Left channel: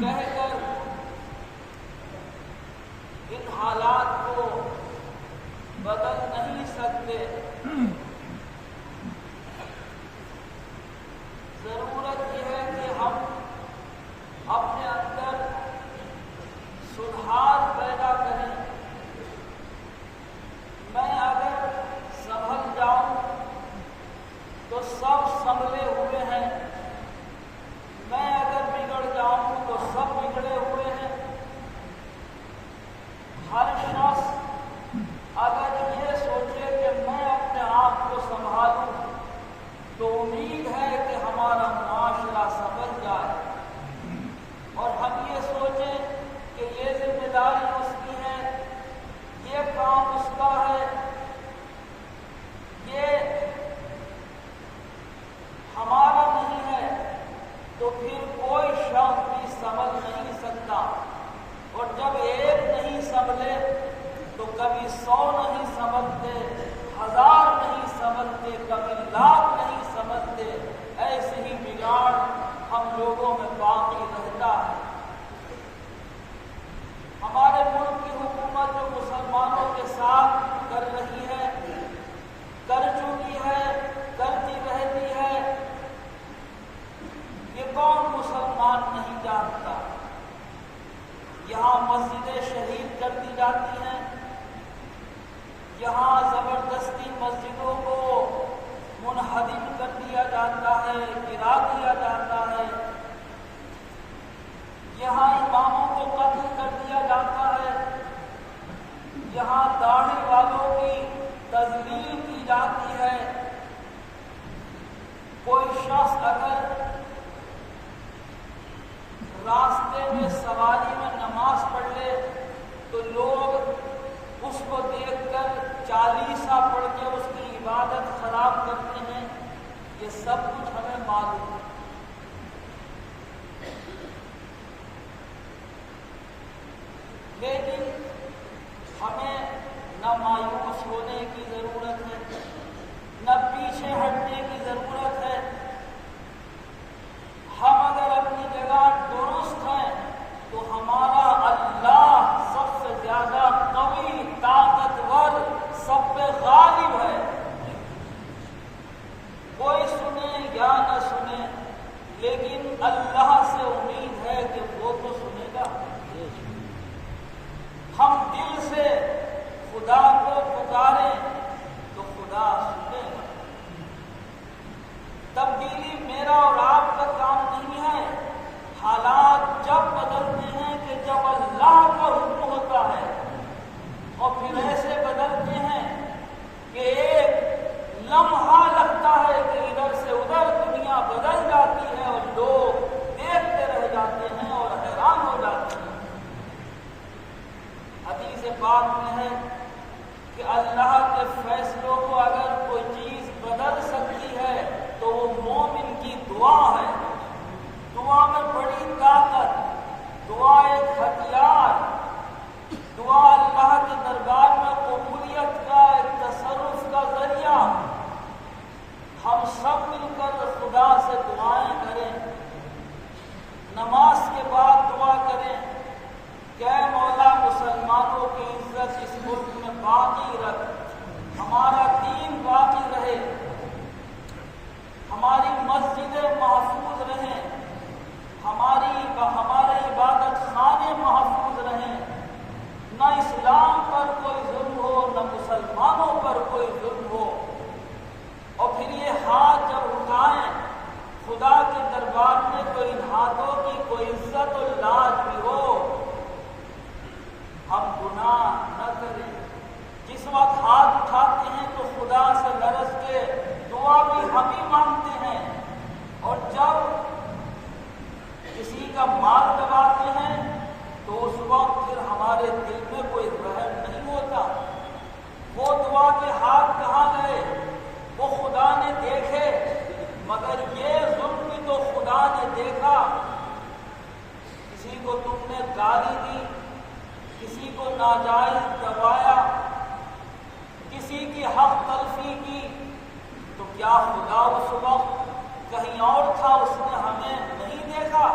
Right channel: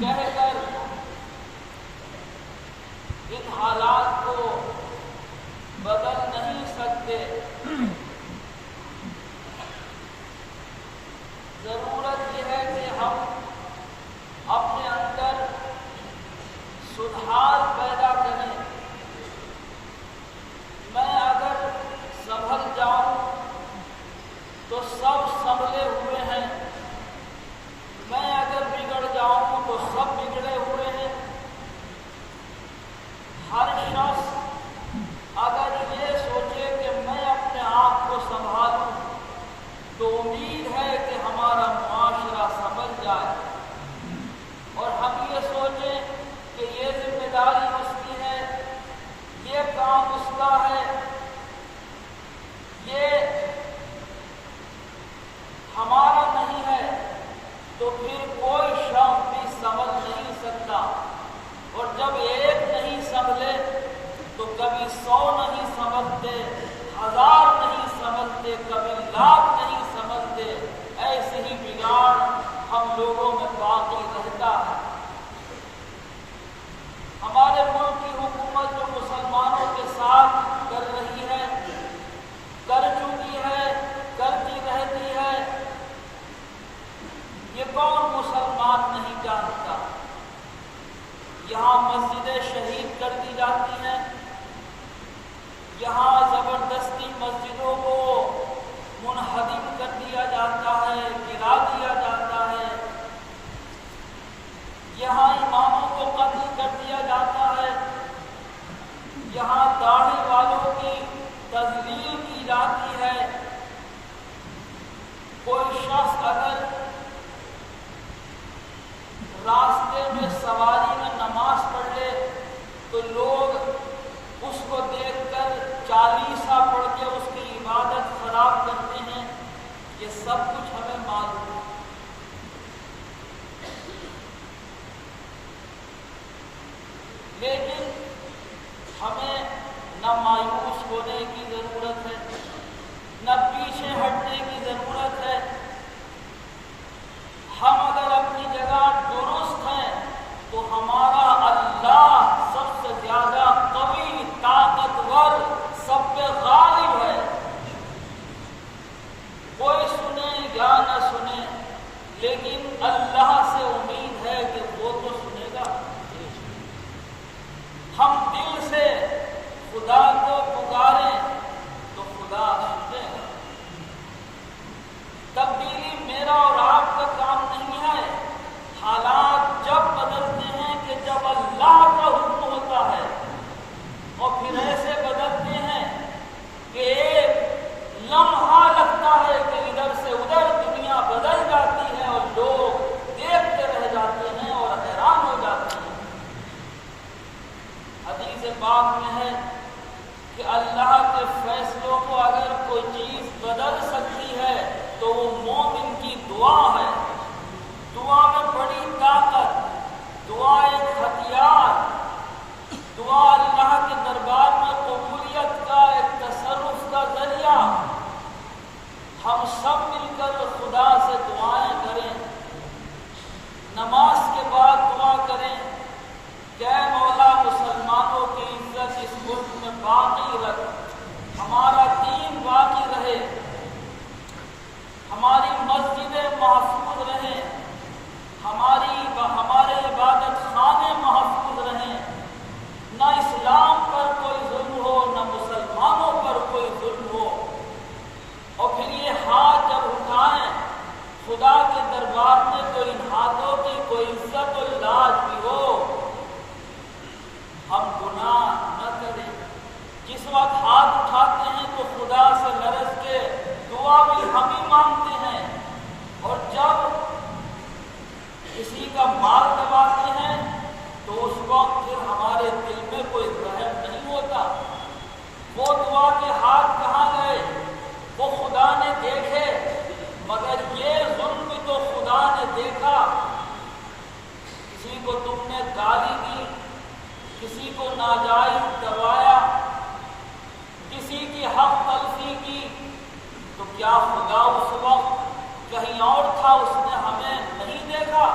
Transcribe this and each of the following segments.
کہہ کر ان حالات کو بدل نہیں سکتے۔ ضرورت یہ ہے کہ ہم اپنے اندر سدھار پیدا کریں۔ میں اگر سنبھل جاؤں تو سب سنبھلے ہوئے ہیں، میں اگر بگڑ جاؤں تو سب بگڑے ہوئے ہیں۔ ہر شخص اگر یہ سوچے کہ میں اپنے آپ کو سنبھالوں تو امید ہے کہ ہمارا معاشرہ سنبھل جائے، اور ہم یہ سوچیں کہ یہ ذمہ داری اس کی ہے، یہ کام اس کا ہے، یہ ہمارا نہیں ہے، تو پھر کوئی شخص بھی سنبھل نہیں سکتا۔ اور جب ایک نہیں سنبھلے تو کبھی 100 نہیں سنبھلتے، 1000 نہیں سنبھلتے، کبھی 1,00,000 نہیں سنبھلتے۔ ایسے ہی بگاڑ ہم لوگوں میں باقی رہتا ہے۔ ہمارے ملک کی حکومت جو مسلمانوں کے ساتھ کر رہی ہے، کر چکی ہے، کرتی رہتی ہے، یہ کون مسلمان نہیں جانتا؟ یہاں مسجدیں شہید کر دی جاتی ہیں، یہاں زبردستی مسجدوں کو منہدم کر دیا جاتا ہے، گرا دیا جاتا ہے، یہاں اماموں کو قتل کر دیا جاتا ہے، یہاں داڑھی والوں کی تذلیل کی جاتی ہے۔ کوئی شخص اگر راستے میں سواری میں نماز پڑھ لے تو لوگ اس کو دیکھ کر چالیسا پڑھ کے اس کی عبادت خراب کرتے ہیں۔ یہ سب کچھ ہمیں معلوم ہے، لیکن ہمیں نہ مایوس ہونے کی ضرورت ہے، نہ پیچھے ہٹنے کی ضرورت ہے۔ ہم اگر اپنی جگہ درست ہیں تو ہمارا اللہ سب سے زیادہ قوی، طاقتور، سب پہ غالب ہے۔ کوئی سنے یا نہ سنے، لیکن اللہ سے امید ہے کہ وہ تو سنے گا۔ ہم دل سے خدا کو پکاریں تو خدا سنے گا۔ تبدیلی میرا اور آپ کا کام نہیں ہے۔ حالات جب بدلتے ہیں کہ جب اللہ کا حکم ہوتا ہے، اور پھر ایسے بدلتے ہیں کہ ایک لمحہ لگتا ہے کہ ادھر سے ادھر دنیا بدل جاتی ہے اور لوگ دیکھتے رہ جاتے ہیں اور حیران ہو جاتے ہیں۔ حدیث پاک میں ہے کہ اللہ کے فیصلوں کو اگر کوئی چیز بدل سکتی ہے تو وہ مومن کی دعا ہے۔ دعا میں بڑی طاقت، دعا ایک ہتھیار، دعا اللہ کے دربار میں قبولیت کا ایک تصرف کا ذریعہ۔ ہم سب مل کر خدا سے دعائیں کریں، نماز کے بعد دعا کریں کہ اے مولا مسلمانوں کی عزت اس ملک میں باقی رکھ، ہمارا دین باقی رہے، ہماری مسجدیں محفوظ رہیں، ہمارے عبادت خانے محفوظ رہیں، نہ اسلام پر کوئی ظلم ہو، نہ مسلمانوں پر کوئی ظلم ہو۔ اور پھر یہ ہاتھ جب اٹھائیں خدا کے دربار میں تو ان ہاتھوں کی کوئی عزت و لاج بھی ہو، ہم گناہ نہ کریں۔ جس وقت ہاتھ اٹھاتے ہیں تو خدا سے لرز کے دعا بھی ہم ہی مانگتے ہیں، اور جب کسی کا مال دباتے ہیں تو اس وقت پھر ہمارے دل میں کوئی رحم نہیں ہوتا۔ وہ دعا کے ہاتھ کہاں گئے؟ وہ خدا نے دیکھے، مگر یہ ظلم بھی تو خدا نے دیکھا۔ کسی کو تم نے گالی دی، کسی کو ناجائز دبایا، کسی کی حق تلفی کی، تو کیا خدا اس وقت کہیں اور تھا، اس نے ہمیں نہیں دیکھا؟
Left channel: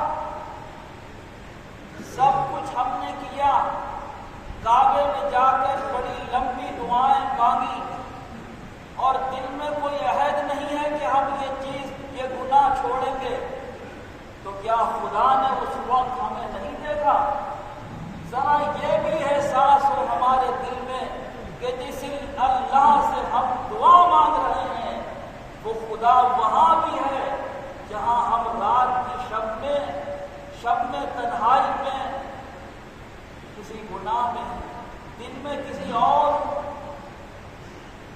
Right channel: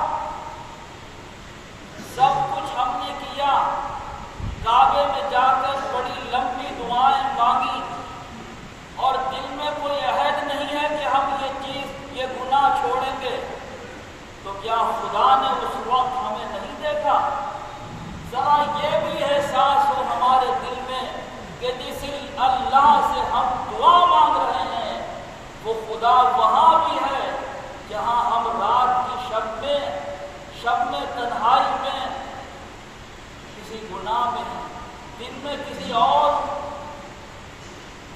میں کسی اور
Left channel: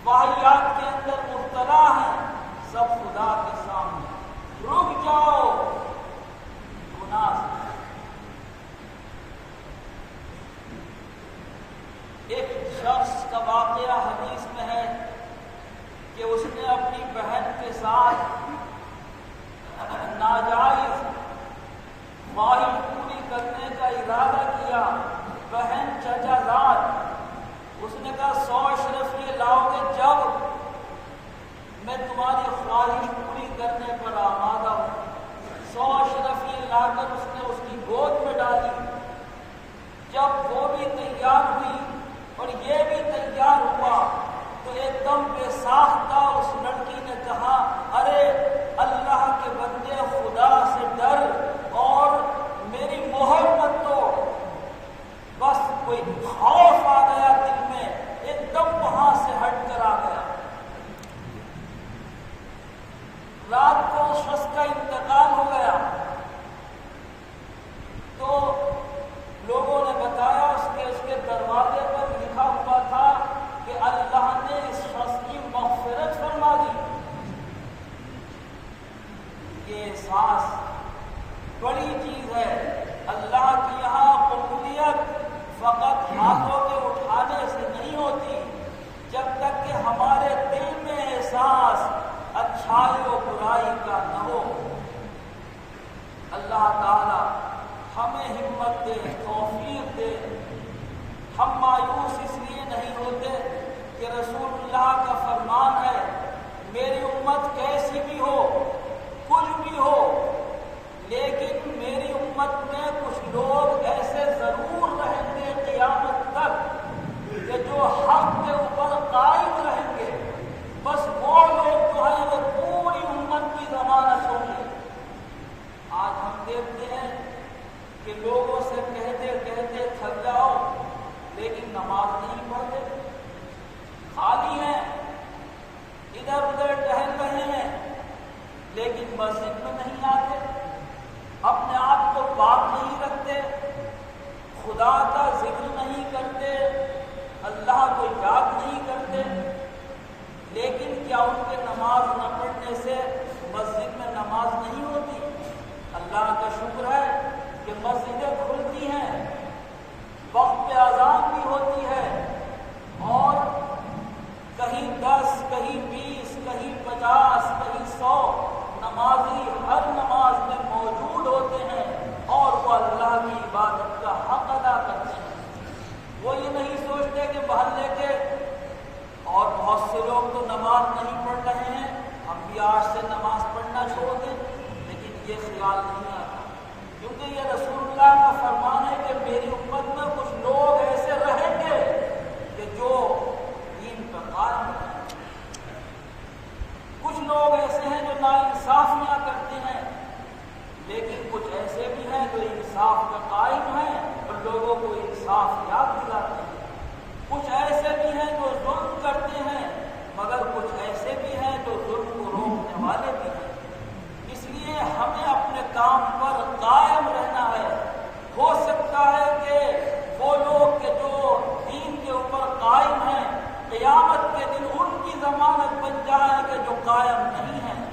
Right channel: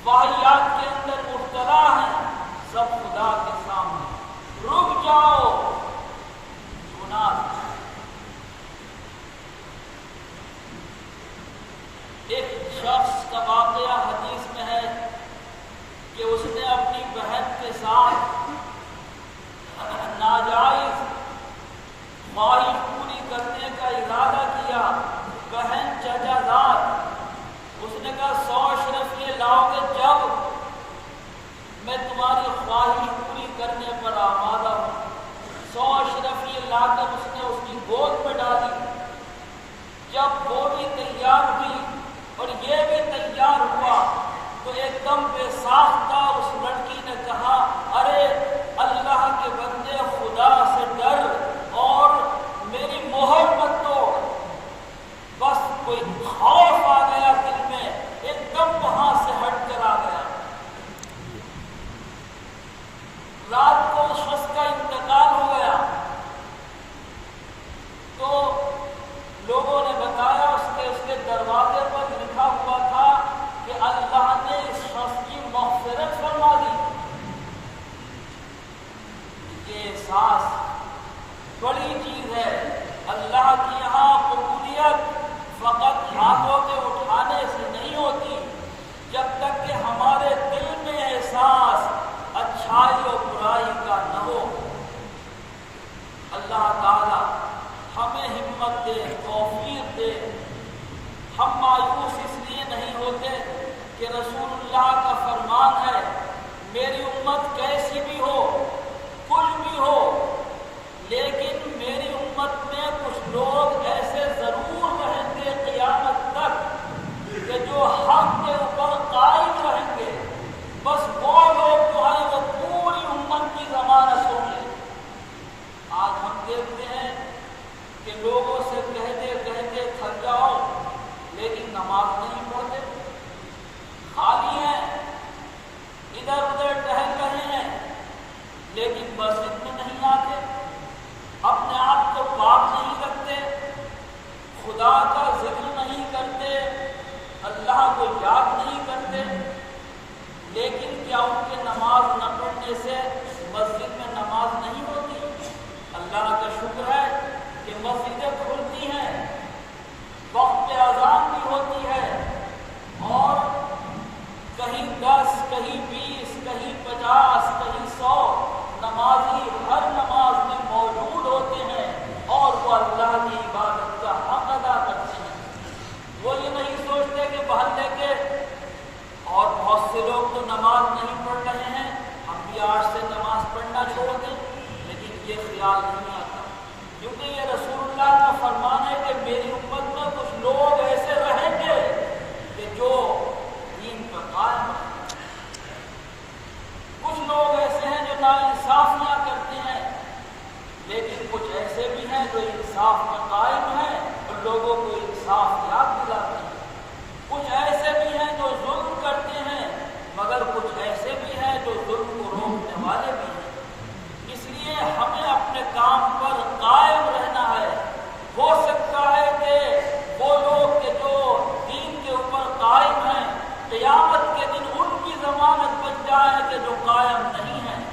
واحیات کے اندر مبتلا ہیں، سب خدا کے سامنے رک جاؤ گناہ سے۔ ایک شخص کا واقعہ حدیث میں ہے کہ اس نے اپنی بہن کے ساتھ ناجائز خواہش پوری کرنے کا ارادہ کیا۔ بہن چچا زاد، اس نے کہا 100 اشرف یہ لاؤ کہ جب میں تمہاری خواہش پوری کرنے پر آمادہ ہوں۔ 100 اشرف یہ لا کر اس نے اس کی گود میں ڈالی۔ جب وہ بھی تیار ہوئی اور یہ بھی تیار ہوا تو ایک دم بے ساختہ اس لڑکی نے کہا، ارے اللہ کے بندے خدا سے ڈر اور میری مہر مت توڑ۔ بس کوئی خوف آ گیا دل میں، ایک دم وہاں سے ہٹ کر آ گیا۔ رات کو اس شخص کا انتقال ہو گیا تو لوگوں نے بتایا اس کے دروازے پر لکھا ہوا تھا کہ اللہ نے اس شخص کی مغفرت فرما دی۔ یہ احساس بڑی چیز ہے۔ اللہ کی یہاں قبولیت فقط ہاتھوں کے اٹھانے سے نہیں ہوتی، جب تک کہ ہمارے دل میں احساس اچھائی و برائی کا نہ ہو۔ اللہ تعالی ہمیں ہمت دے، توفیق دے۔ ہم مایوس اس لیے نہیں ہوتے کہ رسول اللہ کا فرمان ہے، میری امت کیسی بھی ہو، کچھ بھی ہو، لیکن میری امت میں کچھ لوگ ایسے ضرور رہیں گے قیامت تک کہ جو حق کے اوپر قائم رہیں گے۔ بس وہ لوگ جو ہیں وہ پوری امت کی ضمانت ہوں گے۔ آج ہم دیکھتے ہیں کہ لوگوں سے کہتے تھک جاؤ لیکن نماز نہیں پڑھتے، خالی ہیں، ادھر ادھر ٹہل رہے ہیں لیکن مسجد میں نہیں آتے، اپنے آپ کو پاک نہیں رکھتے، خدا کا ذکر نہیں کرتے، اللہ کو یاد نہیں کرتے۔ لیکن کیا ان کے نماز نہ پڑھنے سے مسجد میں نماز نہیں ہوتی؟ اللہ کا شکر ہے کہ مسجدیں کھلتی ہیں، وقت پہ اذان بھی ہوتی ہے، اور کہیں 10 کہیں 20 کہیں 50 کہیں 100 نمازی ہر نماز میں موجود ہوتے ہیں اور وہ اللہ کی عبادت کا حق ادا کرتے ہیں۔ وہ یہ نہیں سوچتے کہ محلے کے اور بہت سے لوگ تو نماز نہیں پڑھ رہے ہیں، ہم بھی آج سے نماز پڑھنا چھوڑ دیں، لیکن یہ خیال نہیں آتا، کیونکہ یہ رسول اللہ کا فرمان ہے کہ میری امت میں کچھ لوگ ایسے رہیں گے کہ جو دین پر قائم رہیں گے۔ کچھ لوگ ایسے ہیں جو ناانصافیاں کرتے ہیں، لیکن کچھ ایسے بھی ہیں جو انصاف پر قائم ہیں اور لوگوں کو انصاف یاد دلاتے ہیں۔ کچھ ایسے بھی ہیں جو ظلم کرتے ہیں، مگر کچھ ایسے بھی ہیں جو ظلم کو روکنے والے بھی ہیں۔ اس لیے ہمیں اپنے کام پر قائم رہنا ہے۔ ہو سکتا ہے کہ وہ لوگ کہ جو دین کے اوپر قائم ہیں، قیامت کے دن ان کی ضمانت بن جائے کہ جو قائم نہیں ہیں۔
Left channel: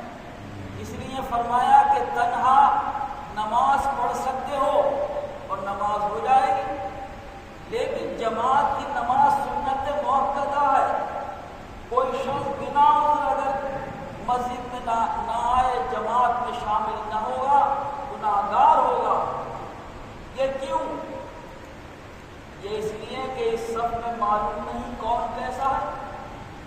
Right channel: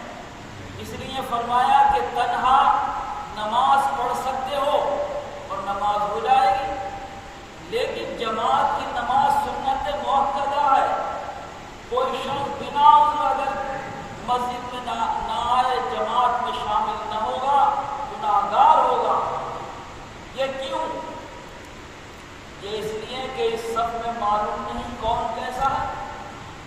اس لیے فرمایا کہ تنہا نماز پڑھ سکتے ہو اور نماز ہو جائے گی، لیکن جماعت کی نماز سنت مؤکدہ ہے۔ کوئی شخص بنا عذر اگر مسجد میں نہ آئے، جماعت میں شامل نہ ہوگا، گناہگار ہوگا۔ یہ کیوں؟ یہ اس لیے کہ اس سب میں معلوم نہیں کون کیسا ہے۔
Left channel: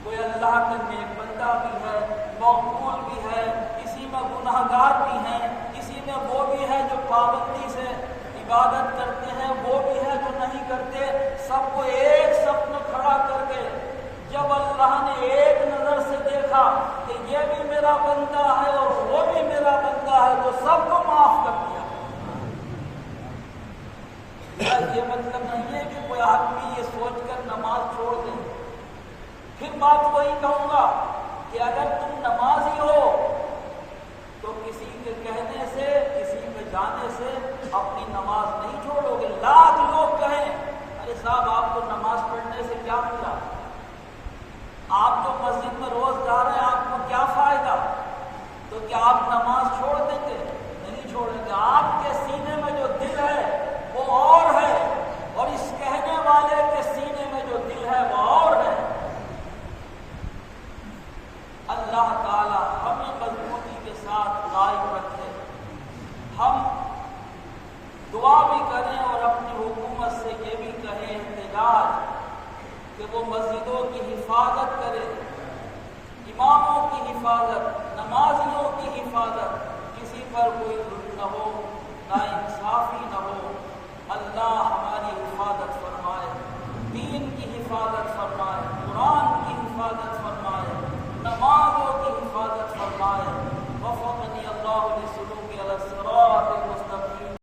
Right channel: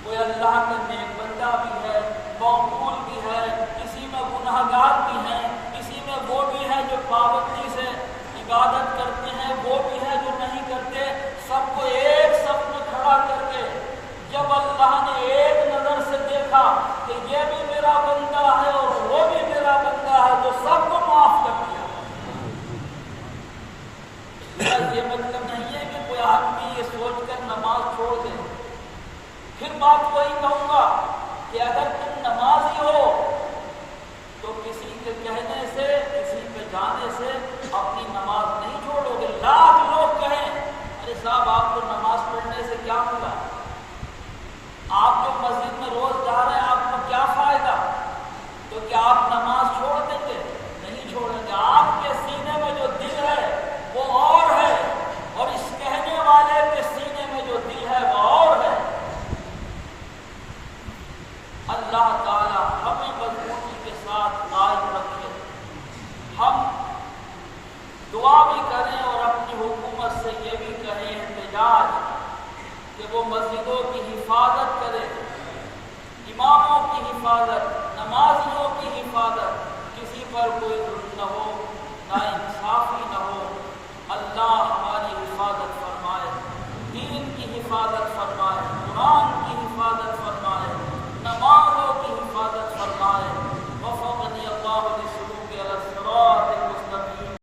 کوئی اللہ کا نیک بندہ بھی ہے، مقبول بھی ہے، اسی میں گناہگار بھی ہیں، اسی میں وہ بھی ہے جو پابندی سے عبادت کرتے ہیں، وہ بھی ہے جو نہیں کرتے۔ سب کو ایک صف میں کھڑا کر کے جب اللہ نے ایک نظر سے دیکھا کہ یہ بھی میرا بندہ ہے اور وہ بھی میرا بندہ ہے، تو سب کو معاف کر دیا۔ یہ مطلب نہیں ہے کہ کوئی آدمی یہ سوچ کر نماز چھوڑ دے۔ پھر بات وہی کہوں گا کہ اگر تم نمازی ہو تو کسی کے کہنے سے، کسی پہ جانے سے اپنی نماز نہیں چھوڑو گے۔ لاکھ لوگ کہیں ارے صاحب آپ کو نماز پڑھنے سے کیا ملا؟ آپ جو مسجد میں روز جا رہے ہیں آپ کو کیا فائدہ؟ تو کیا آپ نماز چھوڑ دیں گے؟ نہیں چھوڑیں گے۔ آپ کے سینے میں جو دل ہے وہ اور ہے، اور اس کہنے والے کے سینے میں جو دل ہے وہ اور ہے۔ اللہ تعالی ہمیں مضبوطی کے ساتھ قائم رکھے۔ ہم دعا بھی کریں اور اپنی حکومت سے یہ بھی کہیں احتجاج کہ وہ مسجدوں کی حفاظت کرے، اماموں کی حفاظت، نمازیوں کی حفاظت، کسی پر کوئی